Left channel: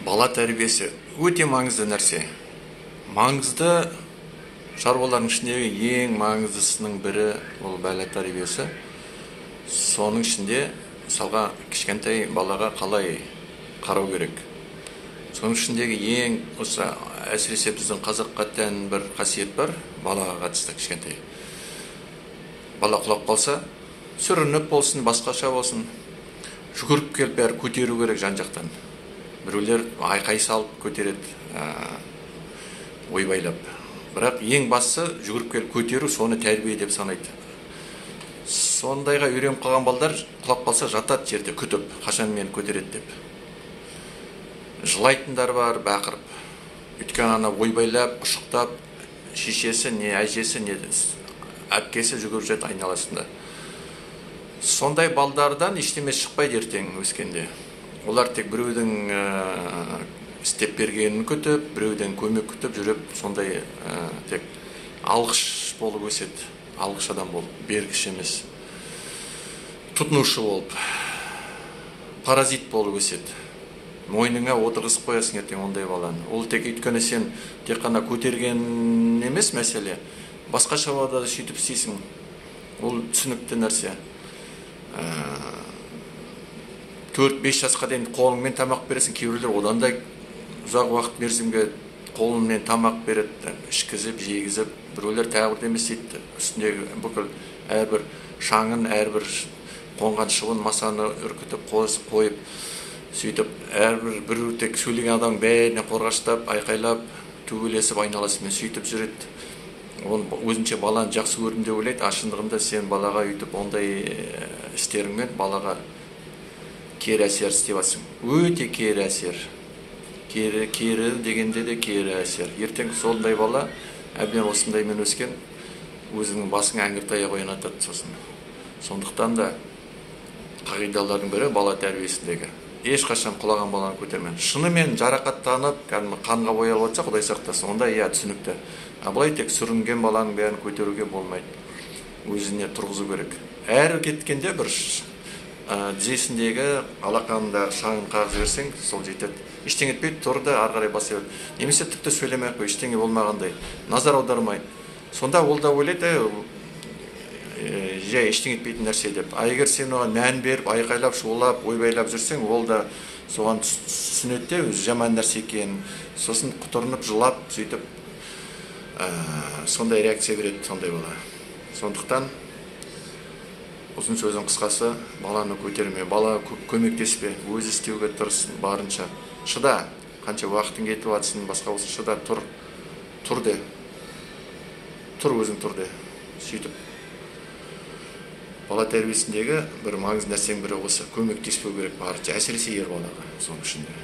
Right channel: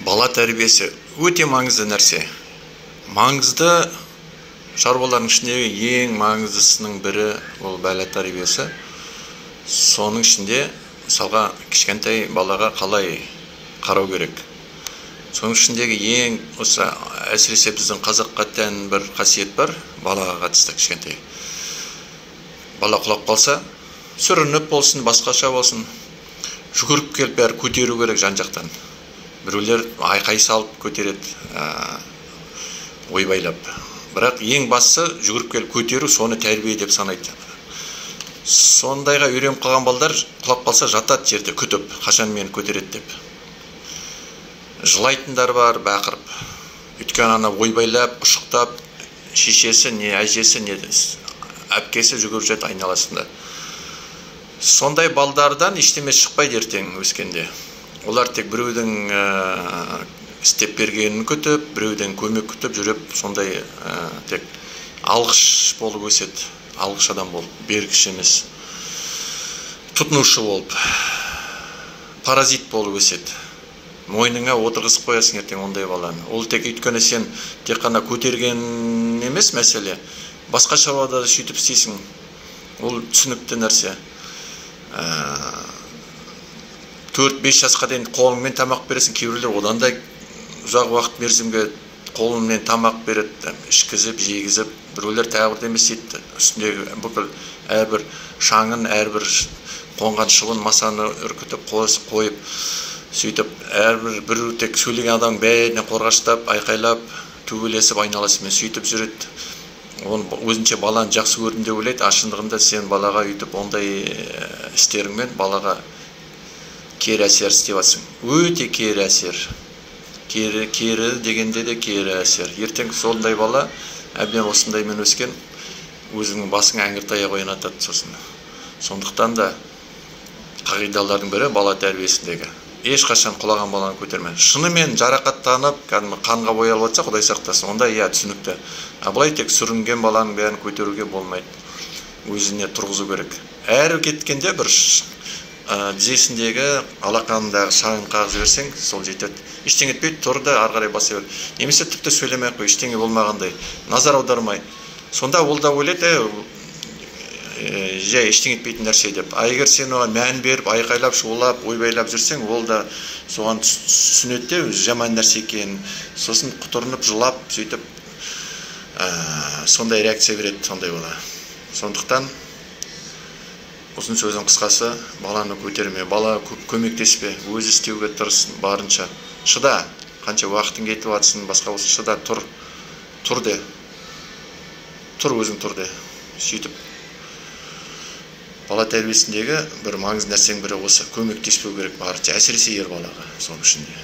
Бала тәрбиесі өте маңызды нәрсе. Маңызды шаруалардың ішіндегі ең маңыздысының бірі ол бала тәрбиесі. Соның ішінде мысалға кішкентай балаға қалай қарау керек. Соның ішіндегі ең осы әсіресе біздің қазаққа тән бір қасиет бар, балаға қатысты кішкентай. Бала құлап қалса, сүрініп болсын, басқаша болсын, жүгіріп келіп бәрі көтеру керек жан-жақтан. Біреулер айқай салып көтереді, ойбайлап. Бірақ ең бастысы жүгіріп келіп көтеру, соны тәрбие деп санайды. Сондайға үйреніп қалған балдар құлап қалса жатады жерде күтіп, қашан мені көтереді деп. Жылайтындар бар, бақырып. Өйткені ана ойбайлап, құшықтап, шешесі не әжесі не әпкесі жүгіріп жүреді айналасында. Сондай балдардан ештеме шықпайды ертең өскенде. Олар тек біреудің істеп бергенін күтіп, біреуден көмек күтіп жүріп, сондай тек алғыш болып өседі. Алғыш адам болып, бергіш емес. Тұтынушы болып, паразит болып өседі. Мойныңа отырғызып қоясың ертең ондай баланы. Ол тек өйткені сен тек қана көтерген емес мәселе. Басқа шаруада да сөйтіп істейсің. Ол түсінікті нәрсе. 4-5 жасқа дейін қолыңмен тамақ бересің, кейбіреулер одан да ұзақ уақыт мерзімге қолымен тамақ береді, ішкізіп, жегізіп, біреулер тағы бірдеме істейді. Үстіндегі бүкіл әрбір шаңын, әрбір қонған шыбын масаны үркітіп қойып, сөйтіп әрбір бір тек сөйлеген адам бәріне қорғаштап, айқайлап, төбелесіп айналасымен сөйтіп жүреді. Өзінше баланы жақсы көрдім деп ойлайды, ашындығында сен балаға үйтіп ондай істеріңмен балаға кері әсер істеп жатсың. Өте кері әсер. Кері дегенде де кері әсер. Ертең сондай бала әбден осындаймен өскен, өзіңнің басыңа әңгір-таяқ ойнатады сосын. Сондықтан да қағидалардың бірі бала тәрбиесіндегі. Ешқашан құлаған баланы көтерме. Шынымен жарақаттанып, қанға боялып жатса, Құдай сақтасын, онда түсінікті. Былай тек сүрінген баланың бәрін көтеруге болмайды. Өзіне тұрғызу керек. Әрі кеткенде бір тізесіндегі алақанындағы шағын қағып жіберсең, сол жетеді. Ештеңе етпейді, тұр да ары қарай баса бер. Немесе тіпті сөйлемей қой, ештеңе болмағандай, назар аудармай. Сонда ол да ойлайды, жай ештеңе етпейтін нәрсе деп. Егер сен оған мән беріп, айқайлап, шулап, ойбайлап жүрсең, ол да соған түсінеді де, жаман нәрсе екенін. Сосын құтырынып, жылап, сөйтіп сондай реакция береді, сондай бала. Сондықтан ұзын сөздің қысқасы, баланы көтерме, бала көмектеспе, өзі істеуге тырысын барынша. Шыда, қанша уақытың кетіп жатсын, басқа болсын, шыда, тұр де. Тұр өзің тұр де. Сөйтіп бала тәрбиесіндегі бір маңызды нәрсенің бірі осы, көмектеспеу керек барынша, әсіресе ер балаға, соның ішінде.